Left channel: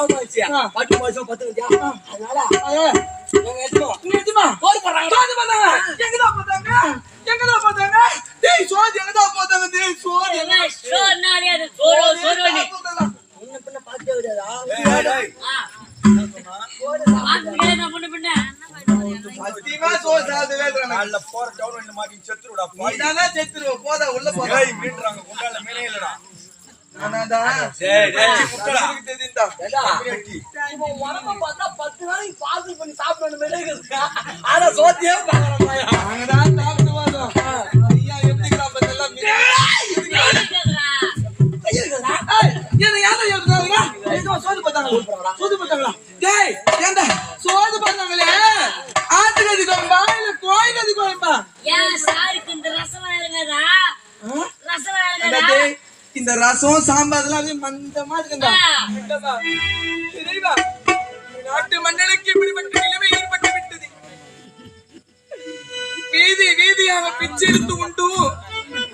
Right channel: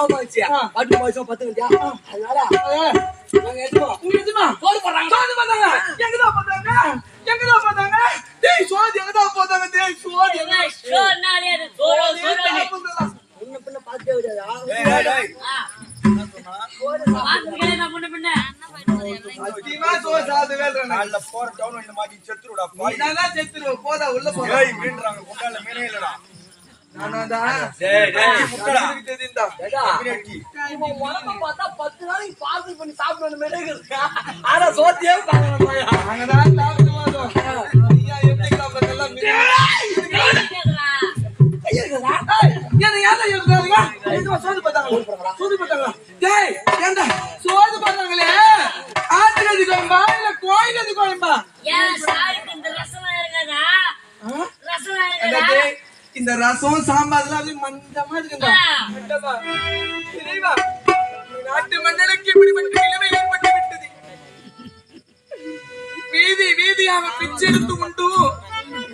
பாவமாச்சு பாட்டி மாசம் 10 கண்டியா அதனால நாங்க எதுமா சோறு போடுறாங்க எங்கதான் போட்டாங்க டேய் சோறு எங்கதான் போட்டாங்க டேய் சோறு சோறுனாலே அது சோறு முன்ன பின்ன பாத்தே விடாதா டேய் சோறு பாத்துக்கே நான் முன்ன பின்ன சத்தியமா சோறு சாப்பிட்டு வேல்றாங்க நல்ல போற டவுன் வந்து மாட்டி செத்துருடா நீதானா செத்துரு போடா உள்ள போடா ஏய் மீன்றாங்க குண்டால மீனே இல்லடா நானாடா டேய் முட்டடா தெரியுதா மீனேட்டி இவன் உடம்ப பார்த்தா 10 நாளைக்கு பார்சல் பண்ணி சாப்பிடணும் மேலே இருக்கு ஆனா சோத்தியே பாக்கறாங்க நாங்கதான் சாப்பிட்டு வந்தோம் ஐயா எப்படிடா பத்தெல்லாம் மீன் ஐயடா ஏன் யாரா எழுதுறாங்க ஏதோ சோது பார்த்தாங்களா டேய் ஏண்டா சோது பார்த்தாங்களே ஆட்டுகதி கோயம்பா இல்ல கோயிலதி கோயம்பா ஏன் சாருக்கு இந்த ரசம் இறங்கதா ரசம் இறங்கதா இந்த ரசம் சாம்பார்லாம் அப்படியே மந்தமா இருக்குடா மண்டபா இறைவா நாட்டு மன்னனுக்கு இப்படிப்பட்ட நிலைமை ஏற்பட்டு விட்டது வீதியாக பிச்செடுத்து உண்டு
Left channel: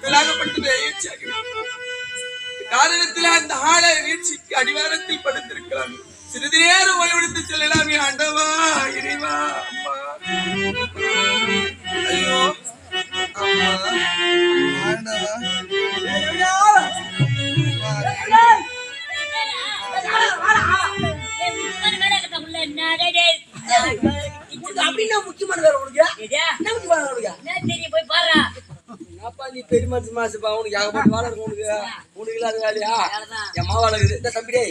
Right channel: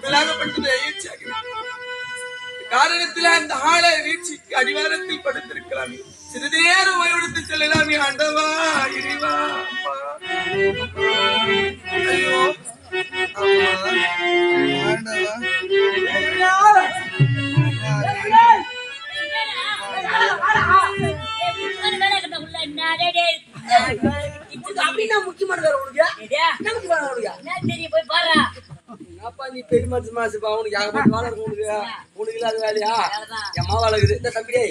விலாகப்பட்டு ஏற்றாக காரணத்தில் அந்த ஆளை வீழ்ச்சிக்கு அடிவாரத்தில் படுத்திருக்கிறான் சிறிது நேரம் ஓய்வெடுத்து செல்லலாமே ஆண்டவா இறைவா அம்மா ஐயோ அம்மா ஆண்டவா அப்படின்னா முக்கியமான வேற உனக்கு என்ன முக்கியமான உனக்கு தெரியும் போய் பாரு அப்பா நீ பெரிய மாசுப்பா உனக்கு ஏகப்பட்ட வேலை இருக்கும் உனக்கு இல்லாத வேலையா என் மாவா இருக்குது இந்த தம்பிடே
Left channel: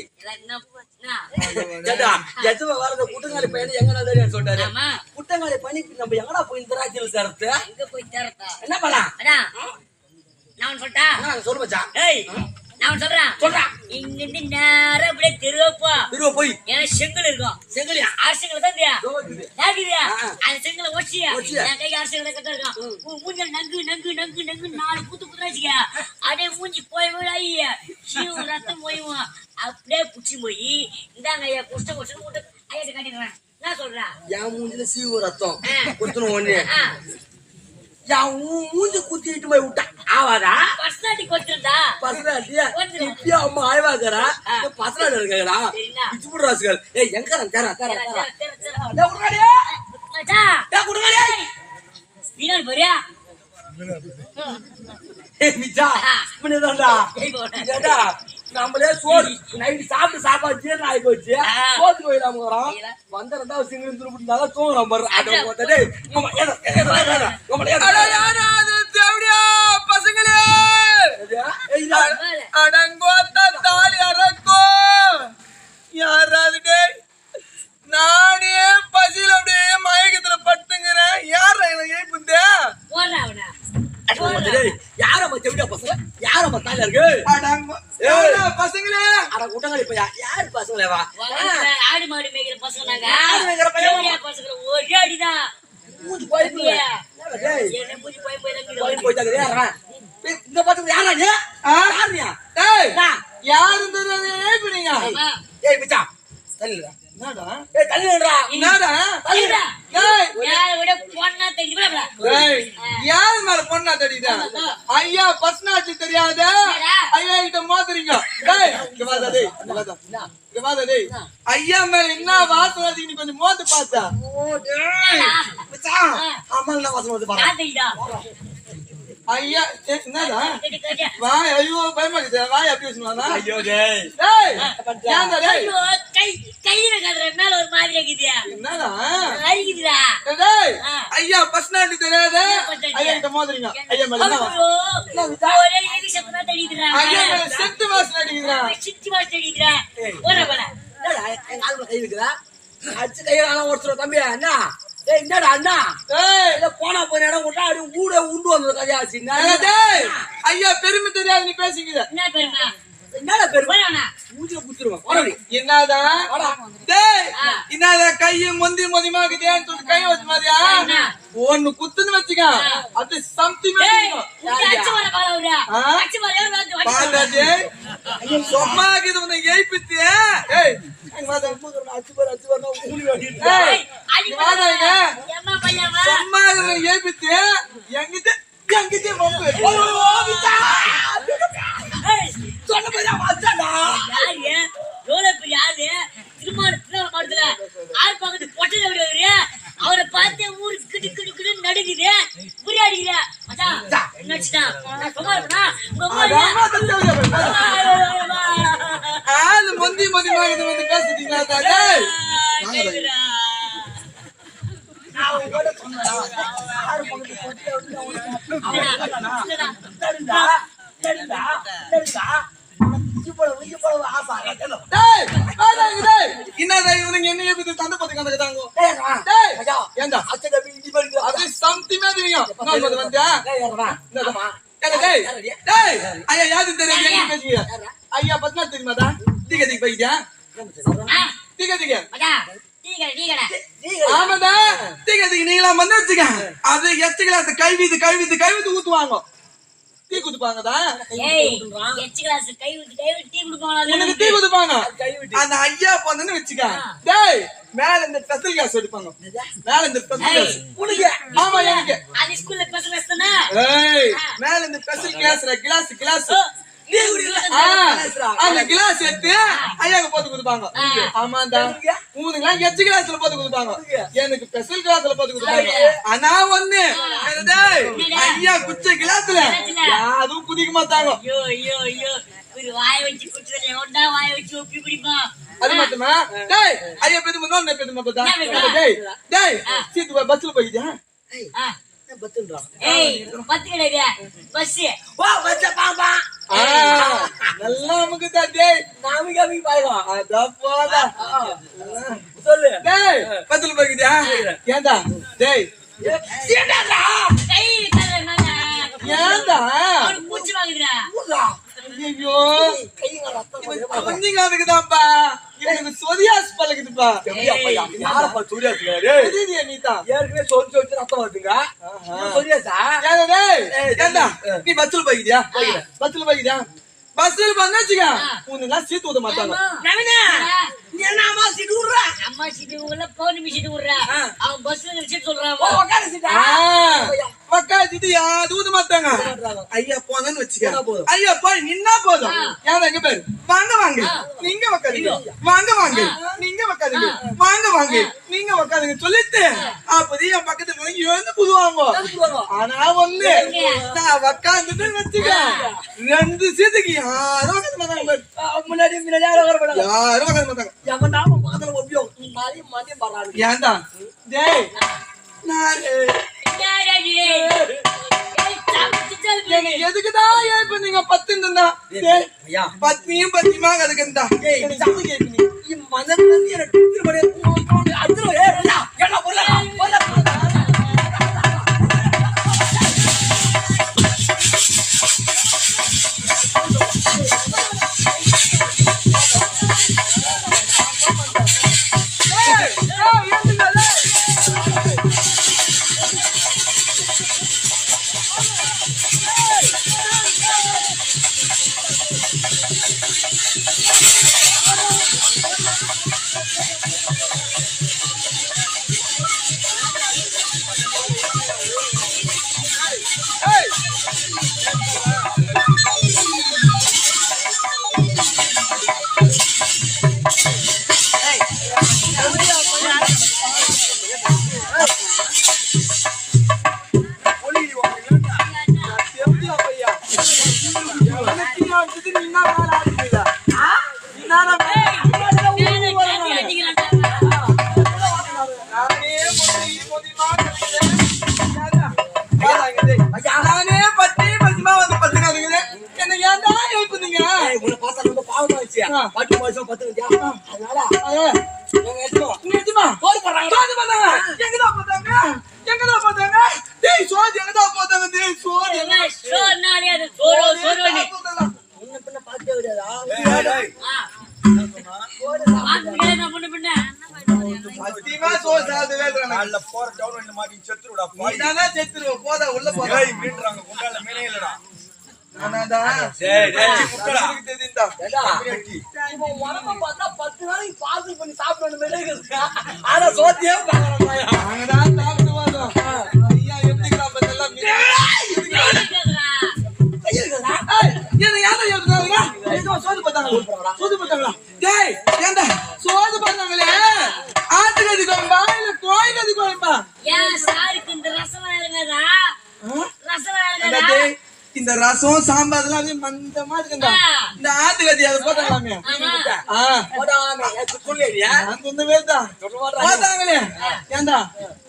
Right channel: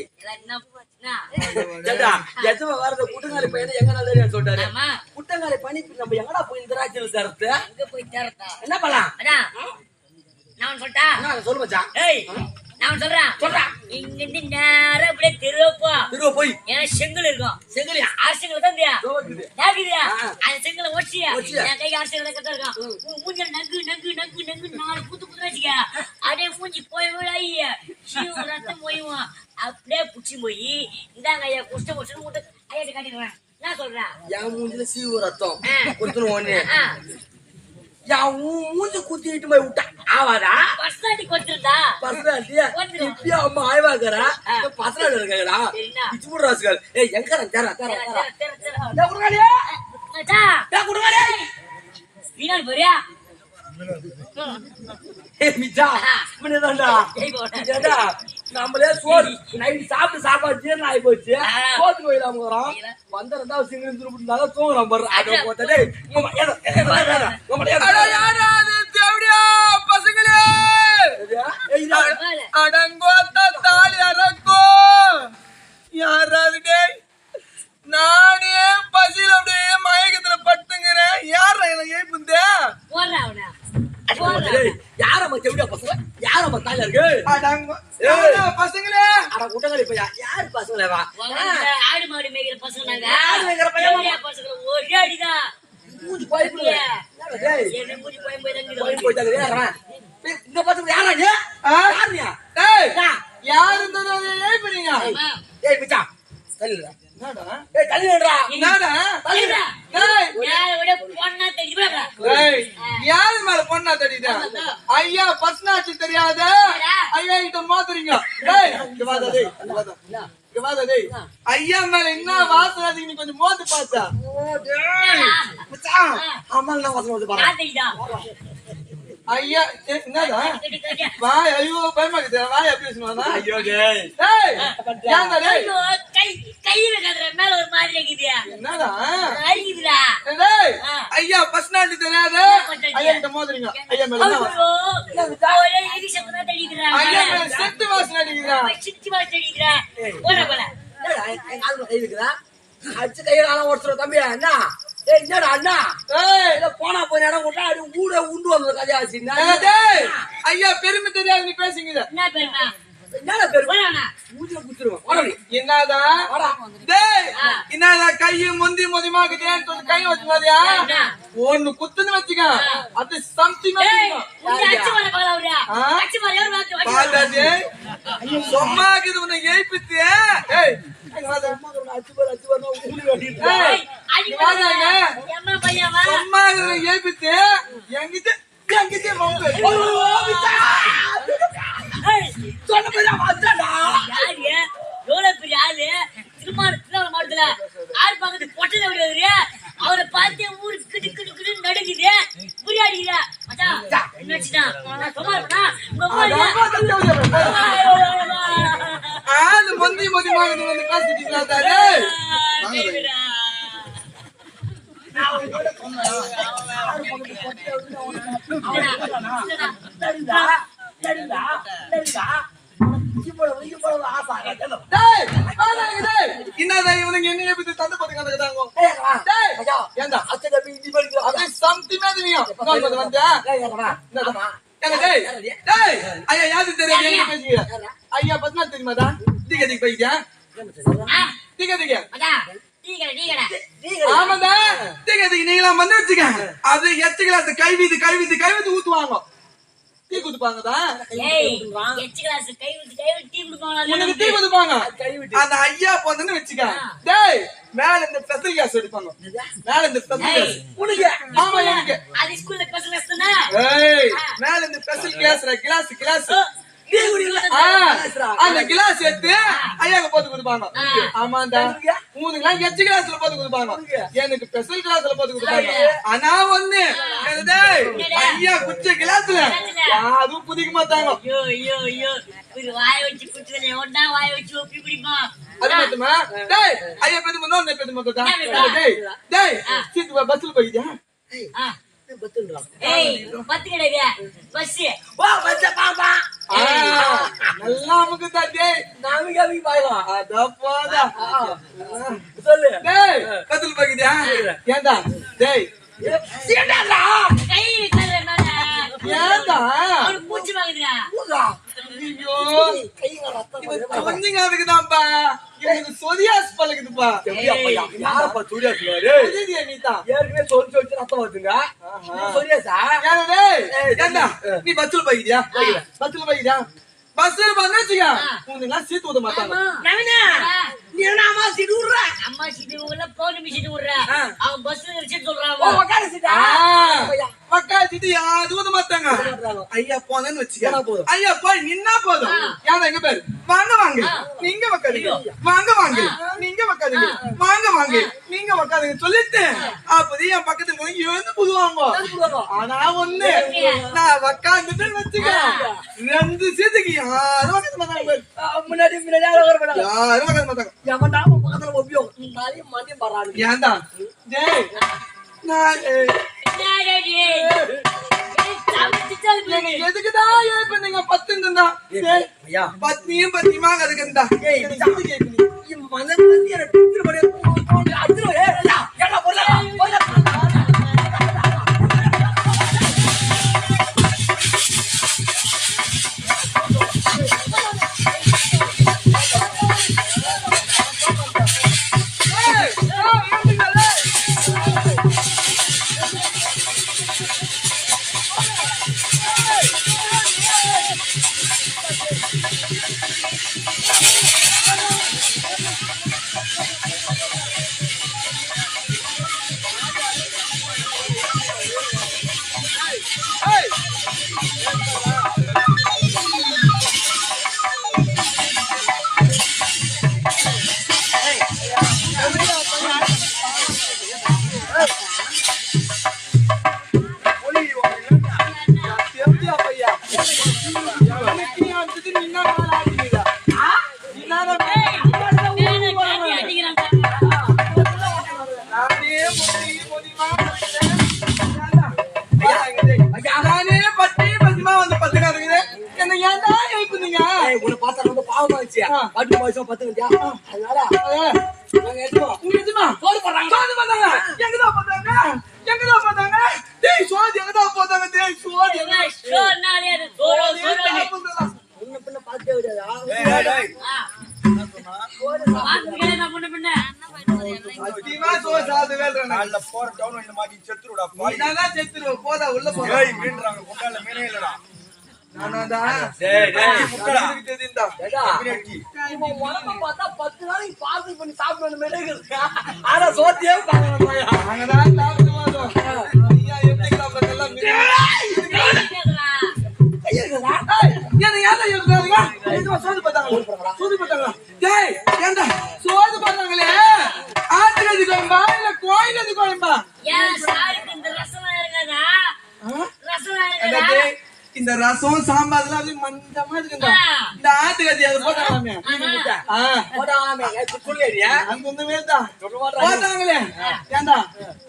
வரத குட்டங்காலி பையன் எங்க நான் சொல்லிட்டாரு குட்டங்காலி பண்ணி நம்ம எங்கடா போய் இந்த ராஜ்யத்தில் தரத்து அங்க போய் தரத்தா என்ன பண்ணலாம் நான் சொல்லிட்டா சொல்லு மச்சான் நான் சொல்றேன் இங்க இருந்து நேரம் அப்படியே திருவ போய் ஏன்னா செங்கல் இருக்கும் செங்கலியா அரசுங்களை தான் கேக்குதியா அந்த செங்கலை ஒச்சியா என் கை அரசுகளை கட்ட இருக்கான் மூஞ்சல் நங்கு 4 குத்து வச்சுக்க அப்படியே மூஞ்சி போய் ஐயா சீவம் ரத்தம் போய்வான் அப்படியே புடிச்சு போய் இந்தாங்க ஐயா குஷ்டம் மூட்டை ஐயா காட்டிடுறேன் நான் சொல்றேன் என் மூஞ்சில சீவு ரத்தம் குத்துணும் ஒண்ணு மூஞ்சி குத்திட்டு போய் விட்டா ஆவாதா பர்சனாலிட்டி கொடுத்துருந்தா பர்சனாலிட்டி இப்பயா அம்மா ஆய்வாக்கறா பர்சனாலிட்டி இருக்கறா பிச்சுமுட ராஸ்கல் ஏய் எங்கறன் தர டேய் குடுங்கடா மச்சா டேய் குடுங்கடா வீணால் போறியா ஏய் மிச்சா முன்னேடா ஏடா நம்மளே சோறு நைட் சாப்பாடு ஜீரணம் ஆயி போச்சு சோத்து போயிடாம வரோம் வந்த 2வது சிங்கிள் திருப்பிட்டு தூங்குறோம் பாரு அட போட்டே தேவடியா பசங்களே அடங்கோத்த தாலி அரக்கோ யாராவது டேய் நானே பசியில அப்படியே மயக்கத்துல பட்டுங்கிறேன் யாரா எனக்கு ஏப்புந்தே போறா அவனா யாரம்மா தேவடியா பசங்க யாரம்மா தாலியா இருக்கு பசங்களே அட கூட்டங்களே இப்ப யாரு பசங்களே வா ஆடு மாடு மேய்க்கிற பசங்க நாங்க ஆடு மேய்க்கிற பையன் பசங்க ஒரே அடிதான் மூஞ்சி போயிடுங்க டேய் என்ன மூஞ்சி போய் போயிட்டாங்க ஏறா இந்த பசங்க யாராங்க யாருயா டேய் யார் இந்த ஏய்பீங்க ஏய் பிச்சா தள்ளிடா என்னடா ஏய் தள்ளிடா என்னடா தள்ளிடா டேய் யார விட பொண்ணா தெரியுமா டேய் யார் மேல பொண்ணா தெரியுதா ஐயா பர்சனாலிட்டி தெரியாத ஐயா கிட்ட மோதுறீங்க டேய் இங்க வாடா டேய் இங்க வாடா டேய் ஐயா மேல என்ன வாசனை நீ கொஞ்சம் மோந்து பாத்தா ஓ டேய் மச்சான் அம்மா என்ன வாசனை வந்து பாரு நான் தெரியுதா ஐயா என்னடா வாய் ஐயோ பயமாக்குது வாய் அப்படி வச்சுனா ஐயோ டேய் டேய் ஏன்டா டேய் ஐயோ கை வைக்காதற மேல ஒரு மாதிரி இருக்குதியா என்னடா அரிக்குதுடா டேய் ஐயா பர்சனாலிட்டி தெரியாத ஐயா கிட்ட மோதுறீங்க ஐயா மேல என்ன ஒரே எரி சத்தமா தெரியுதுடா ஐயா மேல செத்து வாசனை அடிக்குதுடா சித்தி வாசனை தெரியுதுடா போடா எங்க ஆளு கை இருக்குதா அச்சு கையால ஓடுற தம்பி என்ன ஏய் என்னடா அண்ணா ஏய் இத போனா போய் இடம் விட்டா அது ஊட உண்டு வந்த கதையாச்சு டேய் ஐயா பெருமை தெரியாது நீ பேசிங்கற என்ன பெருமை என்னடா பெருமை மூஞ்சில குத்துறவா போடா என்னடா வாடா டேய் என்னடா கை மொந்திமாக்கு தேன் சொல்லி கை வச்சு மாதிரியா ஒன்னு குத்துன்னு வச்சுக்க அது சம்திங் டேய் அச்சு வர பாலவுடா அச்சு வர யார் வந்து பாடா டேய் ஐயா சொம்மாக்குது உன்னை ஏய்பித்து ஏய் அங்க வாடா அச்சு வர ஊடி ஓடிட்டு ஏய் அடி வாடா எம்மா பையமா சொம்மாக்குது ஏய்பித்து எங்கிட்ட வம்பு ஓ விட்டா ஏய் சொன்ன பேரா வாடா யாரு எவ்வளவு பெரிய ஆளு சந்தி மதியமாக வந்து பேசிட்டீங்களா தானே? கேக்குதா? நான் உங்களோட சொன்னேன். ஆறு பக்கத்து பொட்டியை விட்டு இல்லடா. சரிதா சரிதா சரிதா இவ்வளவு ஆசை ஆகாது. டேய் வாடாங்க டேய். என்னடா இவனுங்க என்னைய பத்தி தந்த பத்தி கண்டக்கறாங்க. டேய் ஏண்டா அது சம்தி மாதிரியும். நான் வந்தா. ஏங்க டேய். டேய் ஐயா யாரு தெரியும் என்ன பேசுறீங்க? ஐயா பத்மா தெரியுமாடா? டிகே போயிட்டியா? டிகே அடா டீகடா ஆமாடா. டிகே நீங்களா வந்து வச்சுங்க. அது எச்சுக்கல கைவிது ஊத்துவாங்க. டீ குடுப்பாங்கடா. ஏய் எச்சு கிளாஸ் கை விட்டு டீ குடுப்பாங்களா? உனக்கு டீ குடுப்பாங்க. அந்த ஐயா போனன்னு வெச்சுக்க. டேய் மேல இந்த ஸ்பெஷல் கிளாஸ் எடுப்பாங்க. மேல இந்த ஸ்பெஷல் கிளாஸ். உனக்கு ஆமா எனக்கு. அது ஸ்கூல்ல ஸ்பெஷல் கிளாஸ் தானே? ஏய் மேல இந்த ஸ்பெஷல் கிளாஸ். டீ குடிக்கல. அந்த கிளாஸ் எடுத்து ஐயாக்கு போட்டு குடுப்பாங்க. ஆமாடா. உனக்குலாம் எச்சு கிளாஸ்ல போட்டு குடுப்பாங்க. எனக்கு ஸ்பெஷல் கிளாஸ்ல போட்டு குடுப்பாங்க. ஆனா ஒண்ணு ஐயா குச்ச கிளாஸ்ல யாரும் குடிக்க மாட்டாங்க. ஐயோ ஒரு வாயை வச்சு குடிச்சதுல ஒண்ணா வாயை வச்சு ஒப்பி குடிப்பா. அது மட்டுமா? டேய் ஐயா பேது முன்னோன்னு பேது மாட்டா. டேய் சீட்டு பஸ்ல போயிட்டியா? ஏய் பத்து கிடையாது பஸ். நல்லா நமக்கு தான் டேய். நாமிகாமி பாயலாம். அத போடா. சொல்லு. டேய் பஸ்ல போயிட்டியா? ஏண்டா? டேய் சீடாடா. கை தர மேல ஏண்டா? அவரு பூச்சி வாங்குதுடா. ஐயோ கைங்க ரத்தம் வருது. கொஞ்சங்க அதுக்குதான்ப்பா. இவனுக்கு சொரியாஸ் பழகுதுப்பா. யாரப்பா சூரியாசுங்க? புரியுதியா நீதா? ஏற்கனவே சொல்லி ரத்தம் வருதுங்க. சூரியாசா? ஏண்டா நீ பஸ்ல போயிட்டியா? பஸ்ல வந்துச்சுங்க. உனக்கு சீட்டு ஊத மாட்டாங்க. நவீனா நீ என்ன அம்மா சீட்டு விடுற? அம்மா சீட்டு உள்ள பௌர்ணமி சீட்டு விடுறா. அவன் பஸ்ல சீட்டு சொல்றான். உட்கார சீட்டா? உக்காச்சிட்டு யாரும் ஊத மாட்டாங்க. ஐயா போனன்னு வச்சுக்க. ஐயா போய் நின்னா போதும். யாரா எங்க பேரு? வாங்க நீங்க உக்காதுங்க. வாங்க நீங்க உக்காதுங்க. வாங்க நீங்க உக்காதுங்க சொல்லிட்டு அப்படி என் பக்கத்துல எழுந்து புதுவாங்க. ஆனா ஒண்ணு நான் உக்காந்துட்டு வச்சுக்க. 2 சீட்டுக்கு யாரும் உக்காந்து மாட்டாங்க. முன்னாடி யாரும் வர மாட்டாங்க. யாரும் உக்காந்து மாட்டாங்க. எவன் நாம பக்கத்துல ஒப்பியும் மதியம் பண்றாங்க. ஏன்டா? டேய் நான் எதுக்குதான் இப்ப நீங்க 10 இருந்தா பத்னியும் பத்தியமா அதுக்கு இருந்தா மனதுல இருந்து எனக்கு நானே பத்தி பத்தியமா வந்து பத்துக்கா இருக்குது. என்ன ஏன்டா எழுப்புனீங்க? உன்னை பார்த்தா ரொம்ப பாவமாச்சு. பட்டு மாசம் 10 வந்தியா? அதனால நிஜமா போடு போடுறாங்க. எங்கதான் பார்த்தாங்க? டேய் சோதி எங்கதான் பார்த்தாங்க? டேய் சோதி சோறுனாலே அது சோறு முன்ன பின்ன பார்த்தே விடாதா? சத்தியமா சோறு சாப்பிட்டு வேல்றாங்க. நாள்ல போற டவுன் வண்டில மாட்டி செத்துருடா. நீதானா செத்துருவ. போதா உள்ள போதா. ஏய் மீன்றாங்க குண்டால மீனே இல்லடா. நானாடா. டேய் முட்டடா. எனக்கு தெரியும்டா. இவன் உடம்ப பார்த்தா 10 நாளைக்கு பார்சல் பண்ணி சாப்பிடணும் மெழுகுது. ஆனா சோத்தியே பாக்குறாங்க. நாங்கதான் சாப்பிட்டு வந்தோம். ஐயா எப்படிங்களா பண்ணலாம்? சோது பார்த்தாங்களா? டேய் ஏண்டா சோது பார்த்தாங்களே ஆட்டுக்கறி குழம்பா இல்ல கோயிலது குழம்பா? ஏன் சாருக்கு இந்த ரசம் இருங்கதா? ரசம் இருங்கதா? இந்த ரசம் சாம்பார்லாம் அப்படியே மந்தமா இருக்குங்க. இந்த ஆட்டுக்கத்தி அதை போட்டாங்களாமே. போடாமே சொல்லியா அங்க இந்த மேல் தான் போட்டாங்களே. ஏண்டா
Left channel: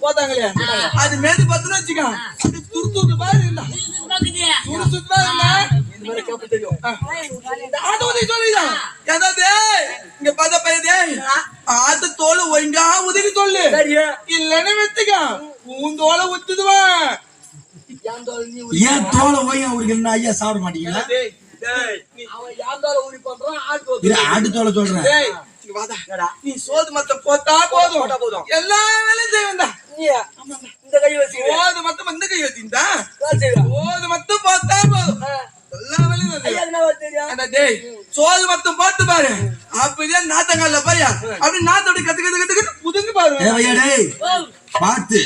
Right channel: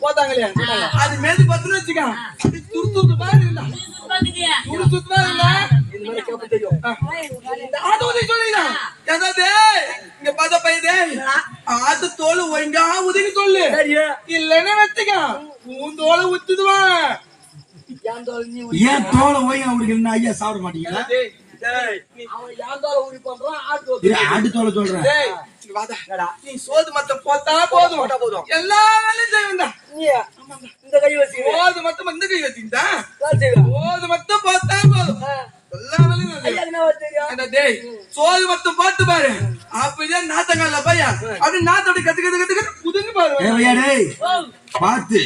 போட்டாங்களே அது மேது பத்துன்னு வச்சுக்க. அப்படி துரு பாரு இருந்தா துரு சுத்தமா இருந்தா இந்த மாதிரி கேப்ப தெரியும் ஆட்டு உதவி சொல்லிதான். ஏதாவது இங்க பார்த்த பையன் ஆட்டு தோல் ஒழுங்கா உதவி சொல்லு. சரியா இல்லன்னு வச்சுக்க உன் தோலை உத்துதுவான். ஏன் தோலை போய் அவருக்கு என்ன ஐயா சாப்பிட மாட்டீங்களா? அவன் யாந்தோல ஊறி பண்றான் ஆட்டு இது ஆட்டு தோலை சொல்றேன். டேய், இங்க வாடா. நீ சோது மத்த போட்டா போதும் எல்லா வேலையும் செய்வா. இந்த கை வச்சுக்கிறேன் சோது மத்தம் இந்த கை வச்சுக்கிட்டா செய்வேன் சோது மத்தம் போட்டா போதும் எல்லா வேலையும் நான் செய்வேன். என்ன தெரியும் ஏண்டா டேய், சோது மத்தம் போட்டு பாரு. அப்படியே நாத்தங்கால பையா அப்படி நாத்தோட கத்து புதுங்க பாரு. தேவையா டேய் பார்த்து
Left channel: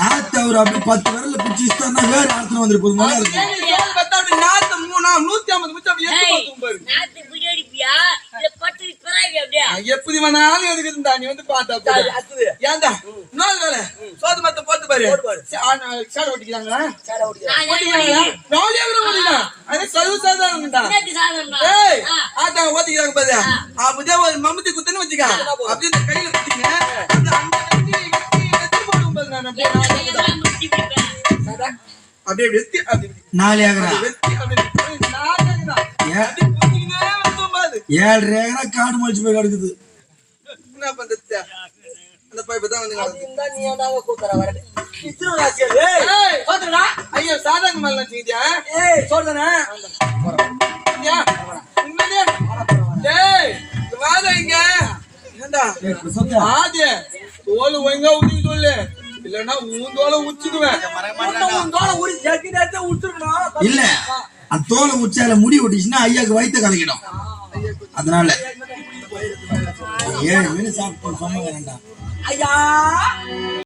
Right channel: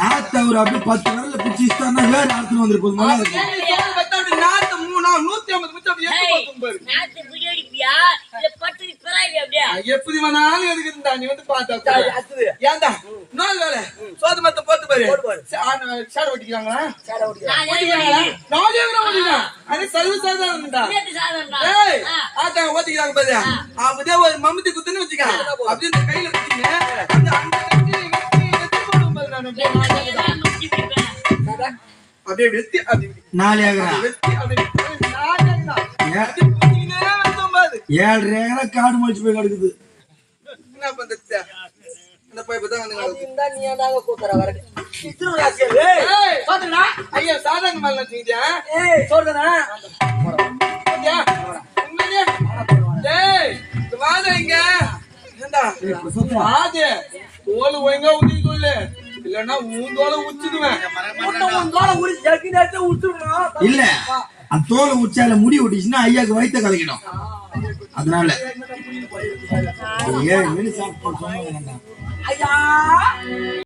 நாத்து அவர் அப்படி 10 விரல்ல பிடிச்சிட்டாருன்னா வேற ஆத்துல வந்துருப்போம். அப்படியே நீ சோது மத்தம் அப்படி நாத்து 150 மிச்சம் அப்படி எடுத்து பார்த்தும் பாரு. நாத்து பிடிப்பியா இல்ல பட்டு பிறாய் அப்படியே எப்படி வேணாலும் எதுக்கு இருந்தா நீ வந்து பார்த்தா அடுத்தது ஏன்டா இன்னொரு வேலை சோது மத்தம் போட்டு பாரு. சேடை ஓட்டிக்கிறாங்களா? சேர ஓடியா ஓட்டிக்கிறாங்களா? 4 ஏக்கர் ஓட்டிக்கிறான். அது சர்வசாதாரணம்டா. ஏய், ஆட்டாங்க ஓட்டிக்கிறாங்க பாரு. அப்படியே ஒரு மம்முட்டி குத்துன்னு வச்சுக்க. அப்படியே இந்த கையில குத்திங்க. அப்படியே அந்த கையில வெட்டி போடும் பாரு. நான் அப்படியே அப்படியே வெட்டி அப்படியே 4 ஏக்கரா வெட்டி அப்படியே நாட்டாங்கடா. அப்படியே குத்தினே வந்தோம் பாரு. 7 ஏக்கரா காடு மொழிச்சு போய் கிடக்குது. என்ன பண்றது? அந்த பைப்பு தான் வந்து அது இருந்தா நீ ஏன்டாங்க கூத்தற வரது இத்திர ராசியல் ஏய் பாத்துடா ஐயா சாதாரண மாதிரி நினைச்சீங்க. ஏய் சொல்றேனா ஐயா உண்மையிலே டேய் வாடா இங்க. ஏண்டா வாடு தோல் ஒழுங்கா ஊத்தி சொல்லு. இல்லன்னா உன் தோலை உச்சிடுவேன். உன் தோலை ஊறி ஜக்கி நேரத்தை உடுத்துறணும் இல்ல அந்த தோலை உச்சால முடி ஒட்டிச்சுன்னா ஐயாக்கு வயித்த கலக்கிடும். அதனால 7 மீன் சாப்பிட்டு சொன்ன வேண்டாம் ஐயா